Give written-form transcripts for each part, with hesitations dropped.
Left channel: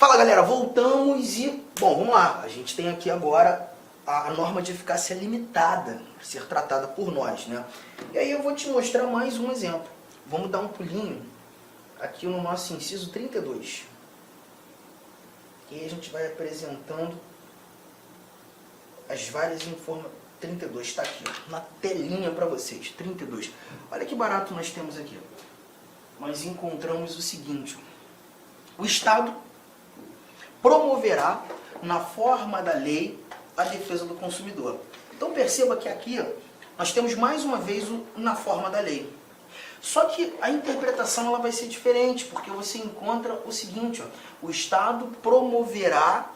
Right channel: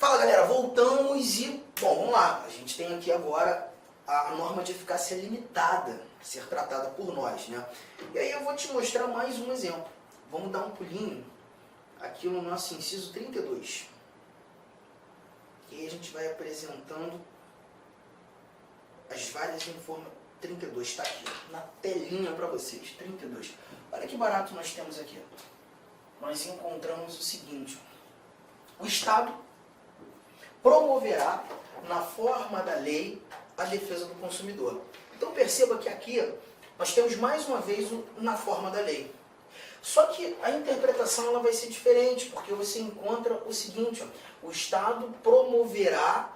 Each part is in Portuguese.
Fala galera, voltamos e, bom, vamos lá. A gente tem aqui agora a norma de eficácia limitada a ser tratada por nós, né? E aí eu vou te mostrar mais um exemplo. Vamos dar um pulinho aqui no nosso inciso 32. E aí a gente vai apresentando as várias informações. 32, está aqui, ó, na telinha para vocês, 32. Olha que barato nós temos aqui. Nós encontramos o seguinte: o Estado promoverá, na forma da lei, a defesa do consumidor. Então perceba que aqui nós temos mais uma vez o na forma da lei. Só que a interpretação ela vai ser diferente, porque você encontra o seguinte: ó, o Estado promoverá,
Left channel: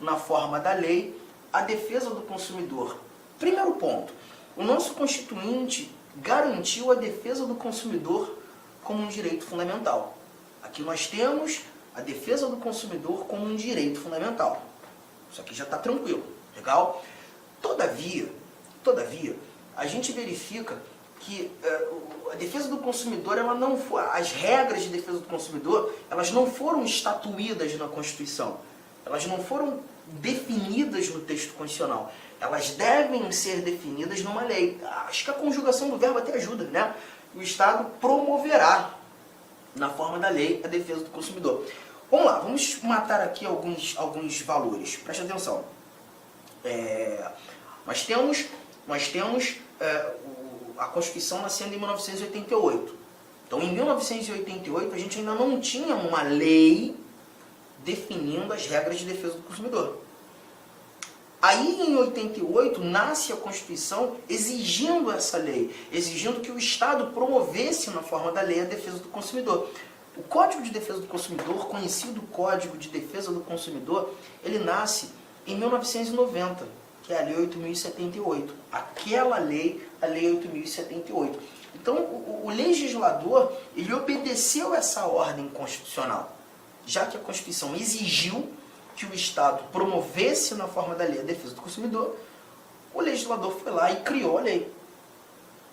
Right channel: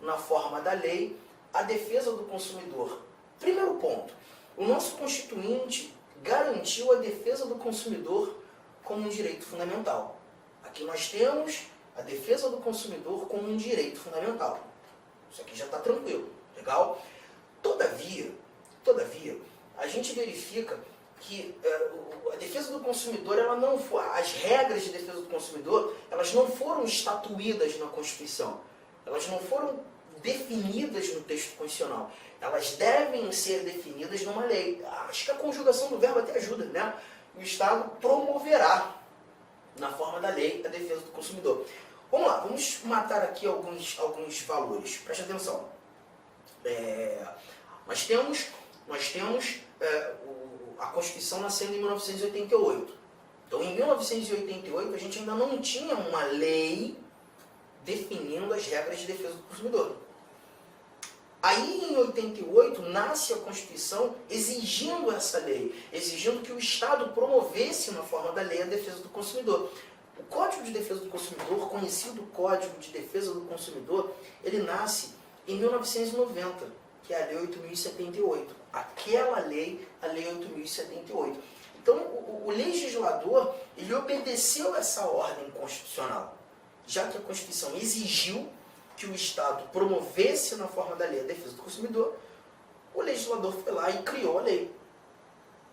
na forma da lei, a defesa do consumidor. Primeiro ponto, o nosso Constituinte garantiu a defesa do consumidor como um direito fundamental. Aqui nós temos a defesa do consumidor como um direito fundamental. Isso aqui já está tranquilo, legal? Todavia, a gente verifica que a defesa do consumidor, ela não foi, as regras de defesa do consumidor, elas não foram estatuídas na Constituição. Elas não foram definidas no texto constitucional. Elas devem ser definidas numa lei. Acho que a conjugação do verbo até ajuda, né? O Estado promoverá, na forma da lei, a defesa do consumidor. Vamos lá, vamos matar aqui alguns valores. Preste atenção. Nós temos a Constituição nascendo em 1988. Então, em 1988, a gente ainda não tinha uma lei definindo as regras de defesa do consumidor. Aí, em 88, nasce a Constituição exigindo essa lei, exigindo que o Estado promovesse, na forma da lei, a defesa do consumidor. O Código de Defesa do Consumidor, conhecido Código de Defesa do Consumidor, ele nasce em 1990, que é a Lei 8.078. Aquela lei, a Lei 8.078. Então, o legislador, ele obedeceu essa ordem constitucional, já que a Constituição exigiu que o Estado promovesse, na forma da lei, a defesa do consumidor, o legislador foi lá e criou a lei,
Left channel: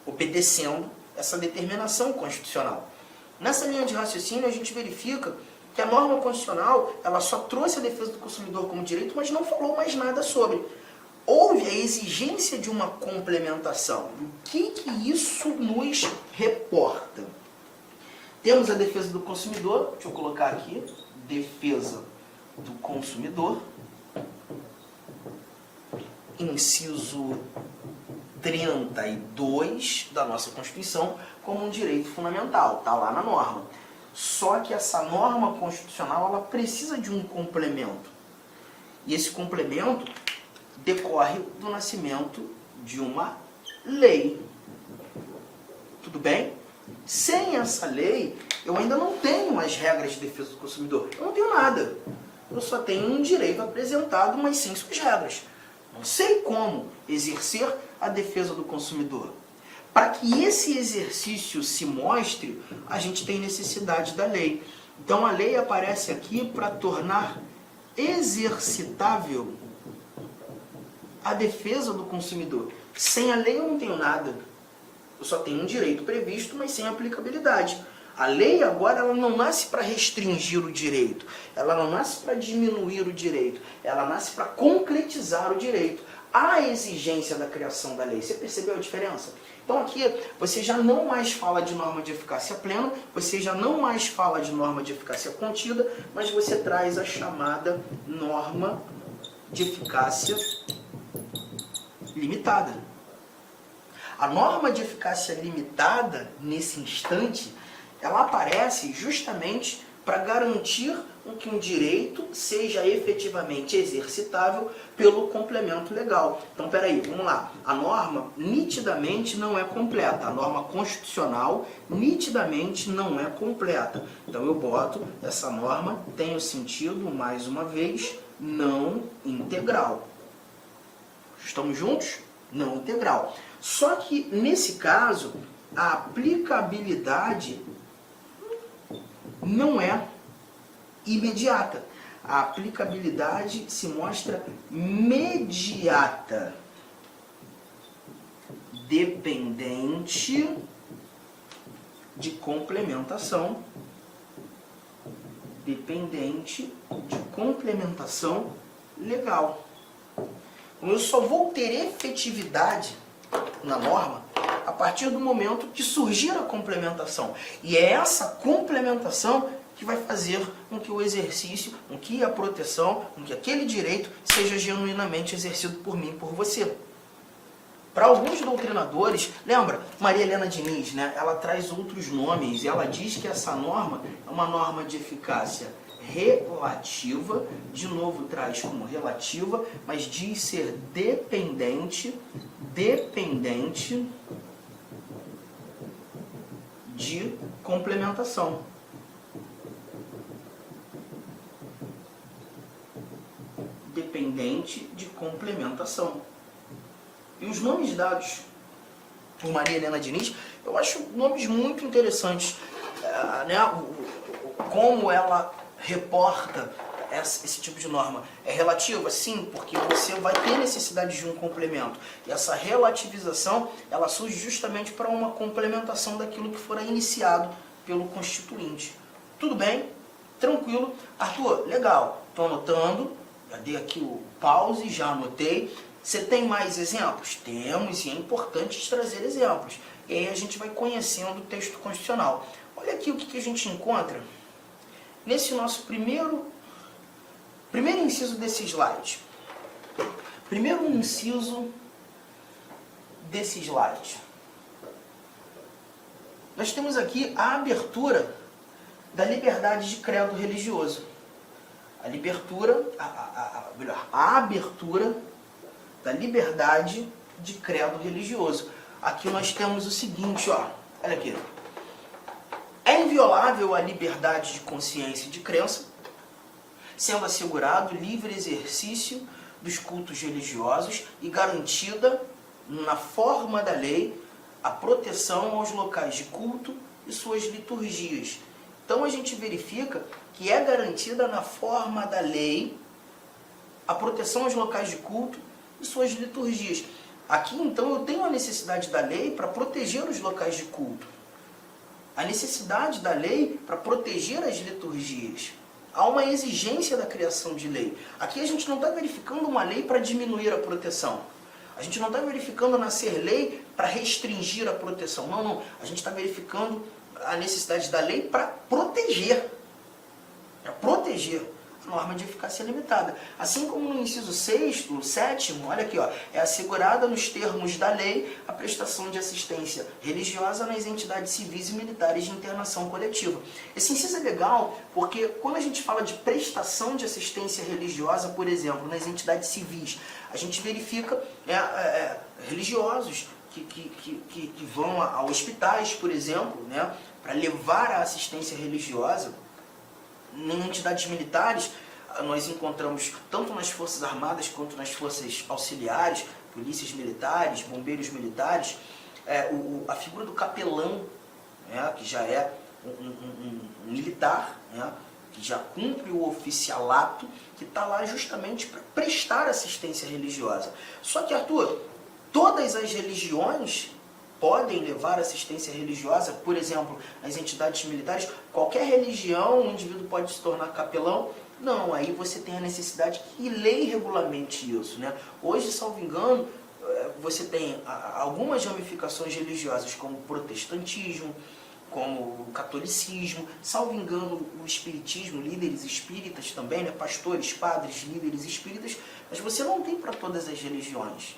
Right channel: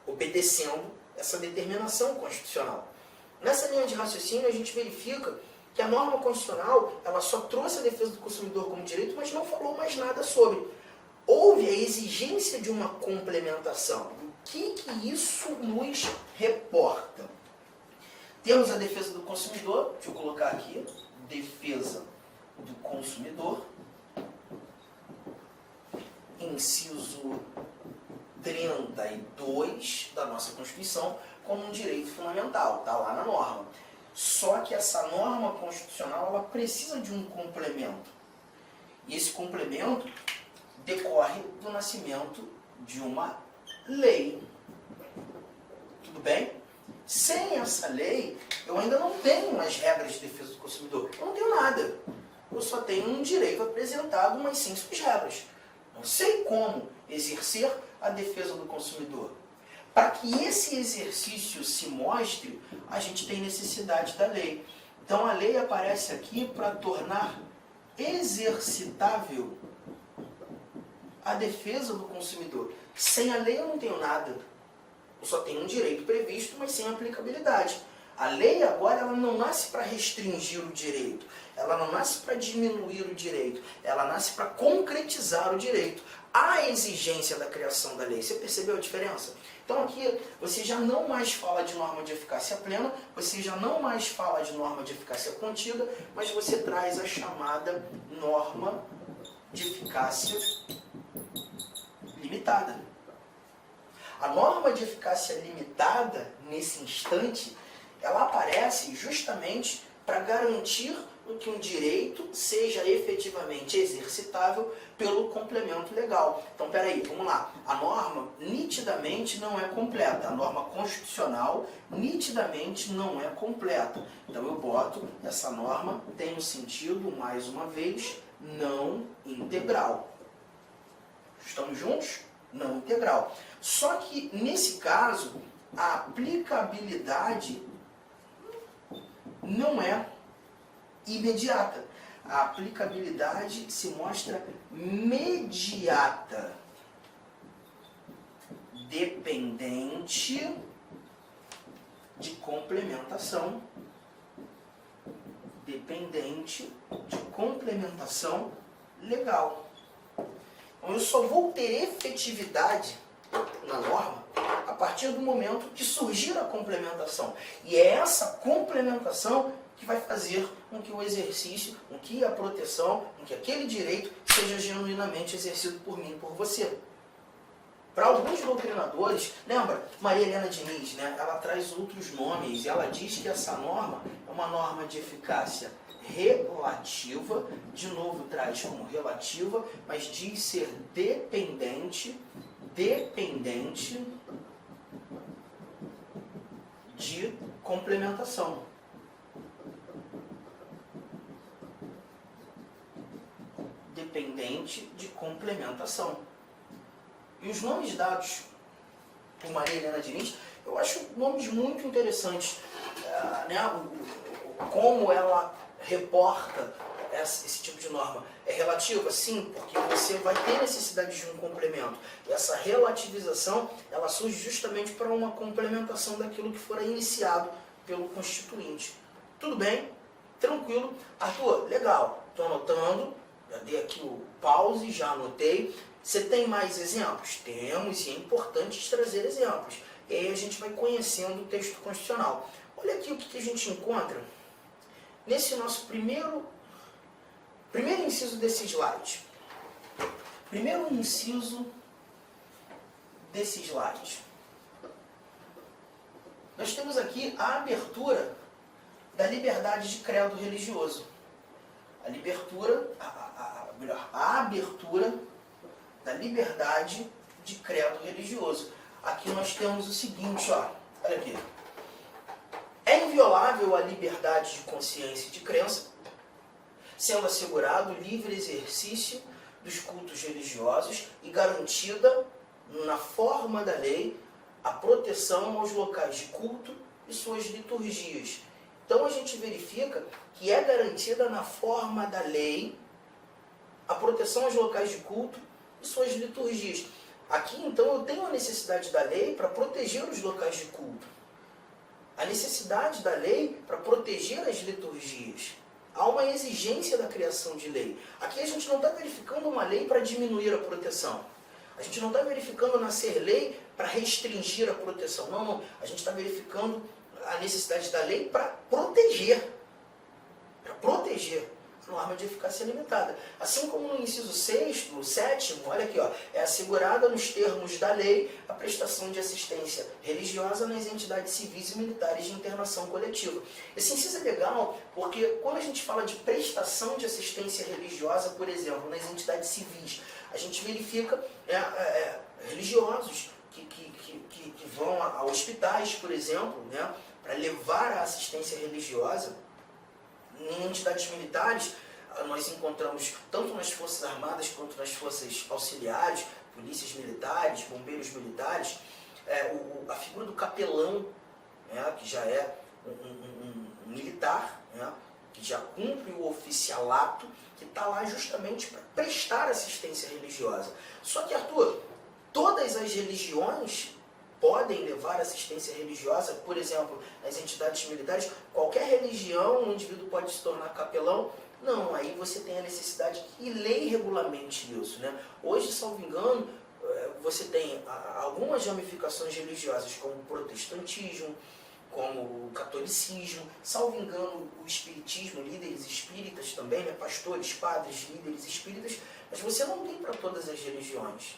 obedecendo essa determinação constitucional. Nessa linha de raciocínio, a gente verifica que a norma constitucional ela só trouxe a defesa do consumidor como direito, mas não falou mais nada sobre. Houve a exigência de uma complementação. O que isso nos reporta? Temos a defesa do consumidor, deixa eu colocar aqui, defesa do consumidor, inciso 32 da nossa Constituição, como um direito fundamental, está lá na norma. Só que essa norma constitucional ela precisa de um complemento. E esse complemento decorre do nascimento de uma lei. Tudo bem? Sem essa lei, eu ainda não tenho as regras de defesa do consumidor. Eu não tenho nada. Eu só tenho um direito apresentado, mas sem suas regras. Não sei como exercer a defesa do consumidor. Para que esse exercício se mostre, a gente tem necessidade da lei. Então a lei aparece aqui para tornar exercitável a defesa do consumidor. Sem a lei eu não tenho nada. Eu só tenho um direito previsto, mas sem aplicabilidade. A lei agora ela não nasce para restringir o direito, ela não nasce para diminuir o direito, ela nasce para concretizar o direito. Há exigência da criação da lei. Você percebeu a diferença? Então aqui você já não mais fala de norma de eficácia plena, você já não mais fala de norma de eficácia contida, mas você traz a chamada norma de eficácia limitada. A norma de eficácia limitada, nesse instante, ela aparece justamente para garantir que um direito seja efetivamente exercitável pelo complemento legal. Então, peraí, vamos lá. A norma nitidamente não é completa. A norma constitucional nitidamente não é completa. Então, eu boto essa norma, tem o sentido, mais uma vez, não integral. Estamos juntos? Não integral. Só que, nesse caso, a aplicabilidade não é imediata. A aplicabilidade se mostra mediata, dependente de complementação dependente de complementação legal. Então, eu só vou ter efetividade na norma a partir do momento que surgir a complementação. E é essa complementação que vai fazer com que o exercício, com que a proteção, com que aquele direito seja genuinamente exercido por mim e por você. Para alguns doutrinadores, lembra, Maria Helena Diniz, né? Ela traz outros nomes e ela diz que essa norma é uma norma de eficácia relativa, de novo traz como relativa, mas diz ser dependente de complementação. Dependente de complementação. E os nomes dados por Maria Helena Diniz, eu acho nomes muito interessantes, né? Como ela reporta esse tipo de norma. É relativa? Sim, porque você vai ter necessidade de um complemento. E essa relativização, ela surge justamente para uma complementação daquilo que fora iniciado pelo constituinte. Tudo bem? Tranquilo? Arthur, legal. Estou anotando. Já dei aqui o pause, já anotei. Você tem mais exemplos? Temos, e é importante trazer exemplos. E aí a gente vai conhecendo o texto constitucional. Olha aqui o que a gente encontra nesse nosso primeiro inciso desse slide. Primeiro inciso desse slide. Nós temos aqui a abertura da liberdade de credo religioso. A abertura da liberdade de credo religioso. Aqui nós temos o seguinte, ó, olha aqui. É inviolável a liberdade de consciência e de crença, sendo assegurado o livre exercício dos cultos religiosos e garantida, na forma da lei, a proteção aos locais de culto e suas liturgias. Então a gente verifica que é garantida na forma da lei a proteção aos locais de culto e suas liturgias. Aqui, então, eu tenho a necessidade da lei para proteger os locais de culto. A necessidade da lei para proteger as liturgias. Há uma exigência da criação de lei. Aqui a gente não está verificando uma lei para diminuir a proteção. A gente não está verificando nascer lei para restringir a proteção. Não, não. A gente está verificando a necessidade da lei para proteger. Para proteger. Norma de eficácia limitada. Assim como no inciso 6º, 7º, olha aqui, ó, é assegurada nos termos da lei a prestação de assistência religiosa nas entidades civis e militares de internação coletiva. Esse inciso é legal porque quando a gente fala de prestação de assistência religiosa, por exemplo, nas entidades civis, a gente verifica religiosos que vão a hospitais, por exemplo, né, para levar a assistência religiosa. Em entidades militares, nós encontramos, tanto nas Forças Armadas quanto nas Forças Auxiliares, polícias militares, bombeiros militares, a figura do capelão, né, que já é um militar, né, que já cumpre o oficialato, que está lá justamente para prestar assistência religiosa. Só que, Arthur, todas as religiões podem levar assistência religiosa, por exemplo, nas entidades militares. Qualquer religião, um indivíduo pode se tornar capelão? Não, aí você tem a necessidade que lei regulamente isso, né? Hoje, salvo engano, você tem algumas ramificações religiosas, como o protestantismo, como o catolicismo, salvo engano, o espiritismo, líderes espíritas também, né? Pastores, padres, líderes espíritas, mas você não tem para todas as religiões.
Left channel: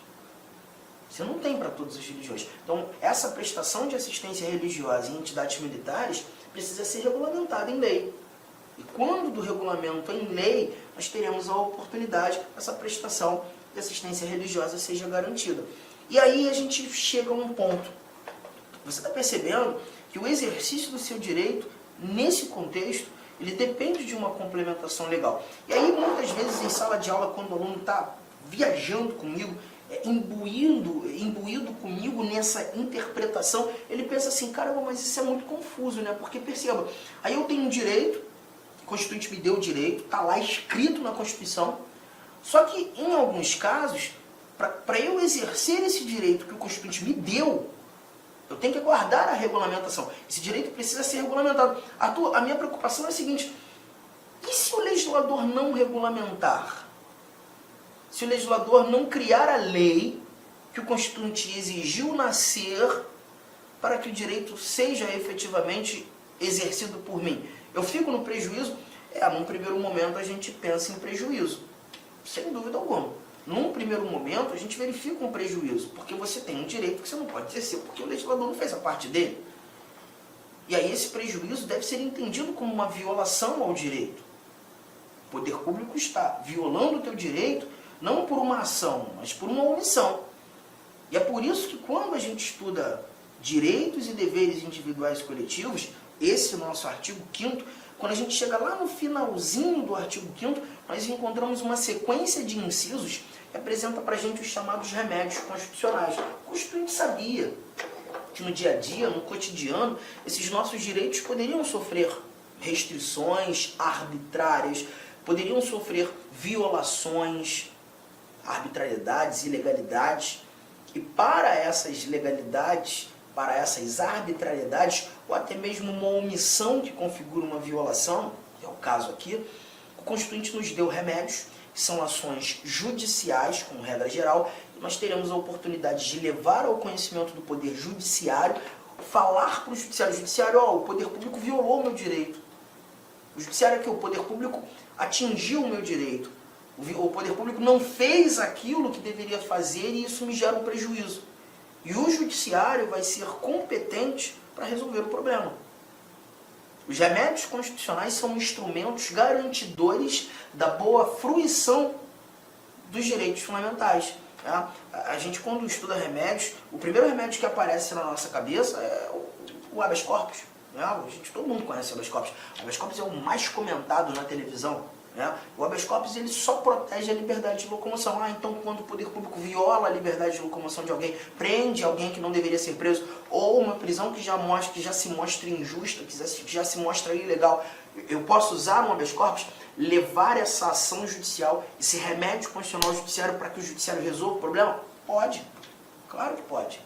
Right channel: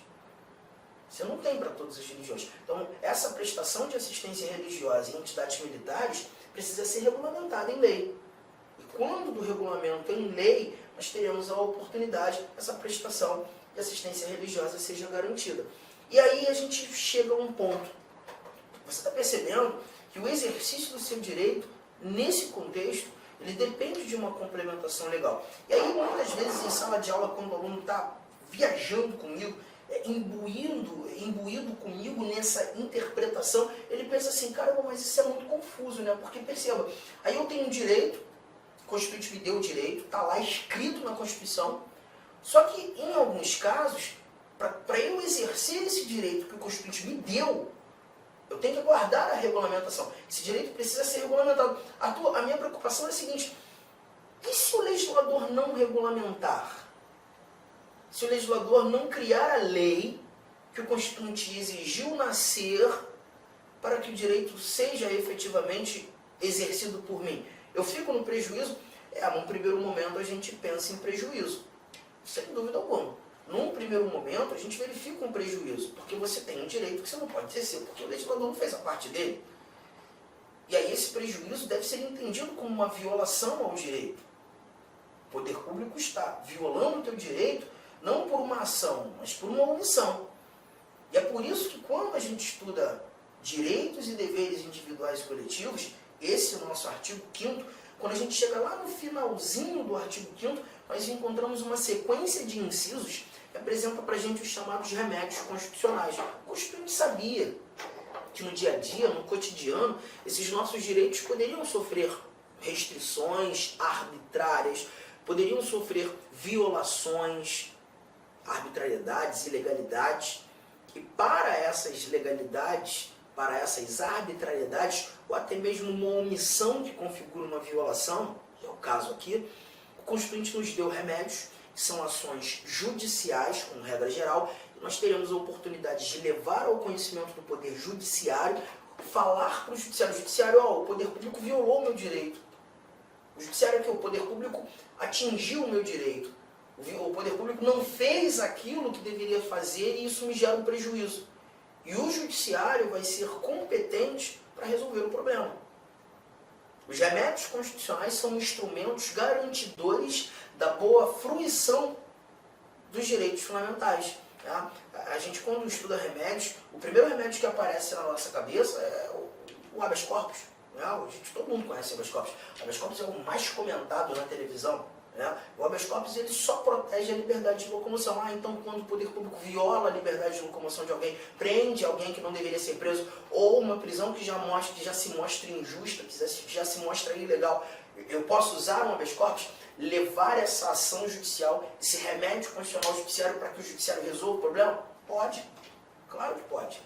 Você não tem para todas as religiões. Então, essa prestação de assistência religiosa em entidades militares precisa ser regulamentada em lei. E quando do regulamento em lei, nós teremos a oportunidade que essa prestação de assistência religiosa seja garantida. E aí a gente chega a um ponto. Você está percebendo que o exercício do seu direito, nesse contexto, ele depende de uma complementação legal. E aí, muitas vezes, em sala de aula, quando o aluno está viajando comigo, imbuído comigo nessa interpretação, ele pensa assim, caramba, mas isso é muito confuso, né? Porque perceba, aí eu tenho um direito, o Constituinte me deu o direito, está lá escrito na Constituição, só que em alguns casos, para eu exercer esse direito que o Constituinte me deu, eu tenho que aguardar a regulamentação. Esse direito precisa ser regulamentado. Arthur, a minha preocupação é a seguinte, E se o legislador não regulamentar? Se o legislador não criar a lei que o Constituinte exigiu nascer para que o direito seja efetivamente exercido por mim? Eu fico no prejuízo? Num primeiro momento a gente pensa em prejuízo, sem dúvida alguma. Num primeiro momento a gente verifica um prejuízo, porque você tem um direito que você não pode exercer, porque o legislador não fez a parte dele. E aí esse prejuízo deve ser entendido como uma violação ao direito. O poder público está violando o teu direito, não por uma ação, mas por uma omissão. E é por isso que quando a gente estuda direitos e deveres individuais e coletivos, esse nosso artigo 5º, quando a gente chega lá no finalzinho do artigo 5º, nós encontramos uma sequência de incisos que apresenta para a gente os chamados remédios constitucionais. O Constituinte sabia que no dia a dia, no cotidiano, esses nossos direitos poderiam sofrer restrições arbitrárias, poderiam sofrer violações, arbitrariedades, ilegalidades. E para essas legalidades, para essas arbitrariedades, ou até mesmo uma omissão que configura uma violação, que é o caso aqui, o Constituinte nos deu remédios, que são ações judiciais, como regra geral, e nós teremos a oportunidade de levar ao conhecimento do Poder Judiciário, falar para o Judiciário, o Poder Público violou o meu direito. O Judiciário é que o Poder Público atingiu o meu direito. O Poder Público não fez aquilo que deveria fazer e isso me gera um prejuízo. E o Judiciário vai ser competente para resolver o problema. Os remédios constitucionais são instrumentos garantidores da boa fruição dos direitos fundamentais. Tá? A gente, quando estuda remédios, o primeiro remédio que aparece na nossa cabeça é o habeas corpus. Né? Todo mundo conhece o habeas corpus. O habeas corpus é o mais comentado na televisão. Né? O habeas corpus ele só protege a liberdade de locomoção. Então, quando o poder público viola a liberdade de locomoção de alguém, prende alguém que não deveria ser preso, ou uma prisão que já se mostra injusta, que já se mostra ilegal, eu posso usar um habeas corpus, levar essa ação judicial, esse remédio constitucional judiciário para que o judiciário resolva o problema? Pode. Claro que pode.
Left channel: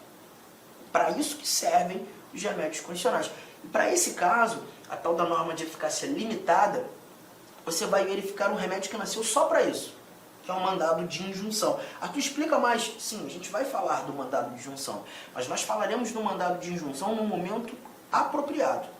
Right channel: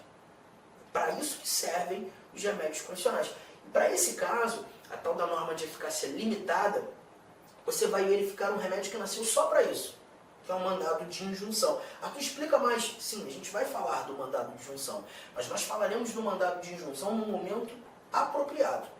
Para isso que servem os remédios constitucionais. E para esse caso, a tal da norma de eficácia limitada, você vai verificar um remédio que nasceu só para isso, que é o mandado de injunção. Aqui explica mais, sim, a gente vai falar do mandado de injunção, mas nós falaremos do mandado de injunção num momento apropriado.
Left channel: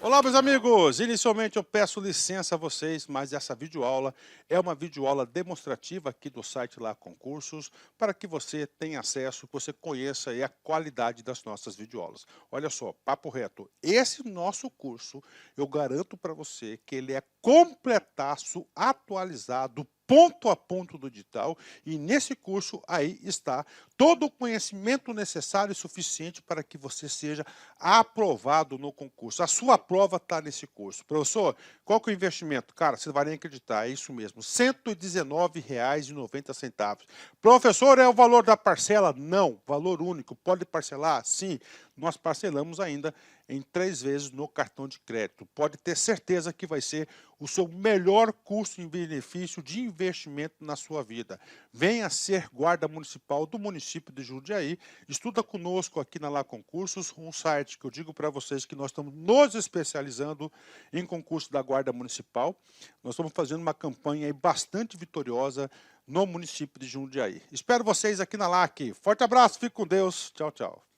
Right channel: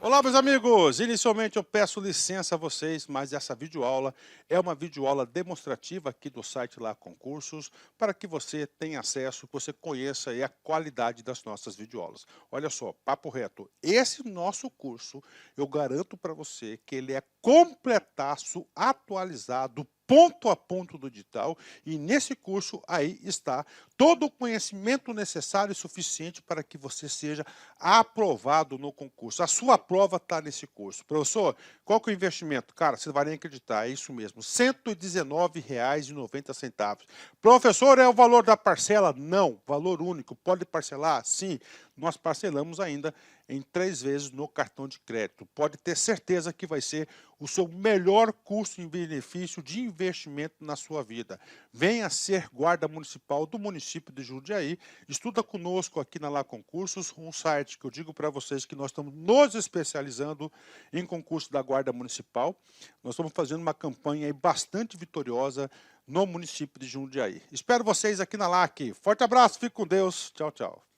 Olá, meus amigos! Inicialmente eu peço licença a vocês, mas essa videoaula é uma videoaula demonstrativa aqui do site Lá Concursos, para que você tenha acesso, que você conheça a qualidade das nossas videoaulas. Olha só, papo reto, esse nosso curso, eu garanto para você que ele é completaço, atualizado, ponto a ponto do digital, e nesse curso aí está todo o conhecimento necessário e suficiente para que você seja aprovado no concurso. A sua prova está nesse curso. Professor, qual que é o investimento? Cara, você vai nem acreditar, é isso mesmo, R$ 119,90. Professor, é o valor da parcela? Não, valor único. Pode parcelar? Sim. Nós parcelamos ainda em 3 vezes no cartão de crédito. Pode ter certeza que vai ser o seu melhor custo em benefício de investimento na sua vida. Venha ser guarda municipal do município de Jundiaí. Estuda conosco aqui na Lá Concursos, um site que eu digo para vocês que nós estamos nos especializando em concurso da Guarda Municipal. Nós estamos fazendo uma campanha aí bastante vitoriosa no município de Jundiaí. Espero vocês aqui na LAC. Forte abraço, fique com Deus. Tchau, tchau.